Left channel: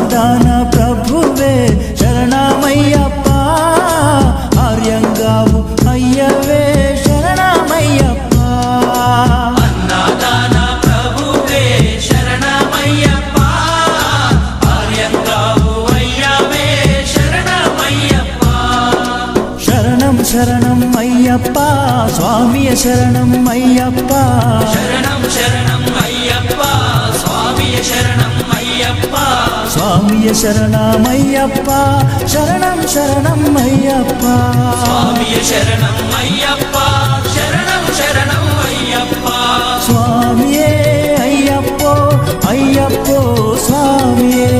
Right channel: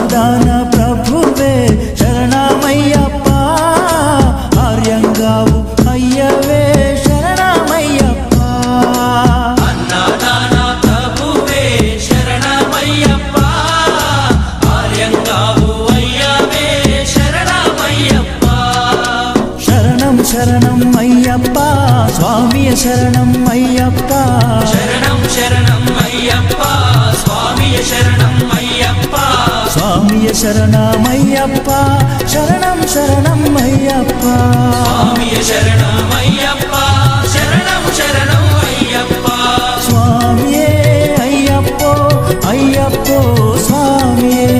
అన్నదాన ప్రభువే శరణమయ్యప్ప, ఆర్యంగావు అయ్యవే శరణమయ్యప్ప. అన్నదాన ప్రభువే శరణమయ్యప్ప, ఆర్యంగావు అయ్యవే శరణమయ్యప్ప. శరణం శరణం అయ్యప్ప స్వామియ శరణం అయ్యప్ప. శరణం శరణం అయ్యప్ప స్వామియ శరణం అయ్యప్ప. స్వామియ శరణమయ్యప్ప, శరణం శరణం అయ్యప్ప. స్వామియ శరణం అయ్యప్ప, శరణం శరణం అయ్యప్ప. స్వామియే అయ్యప్పో అయ్యప్పో స్వామియే.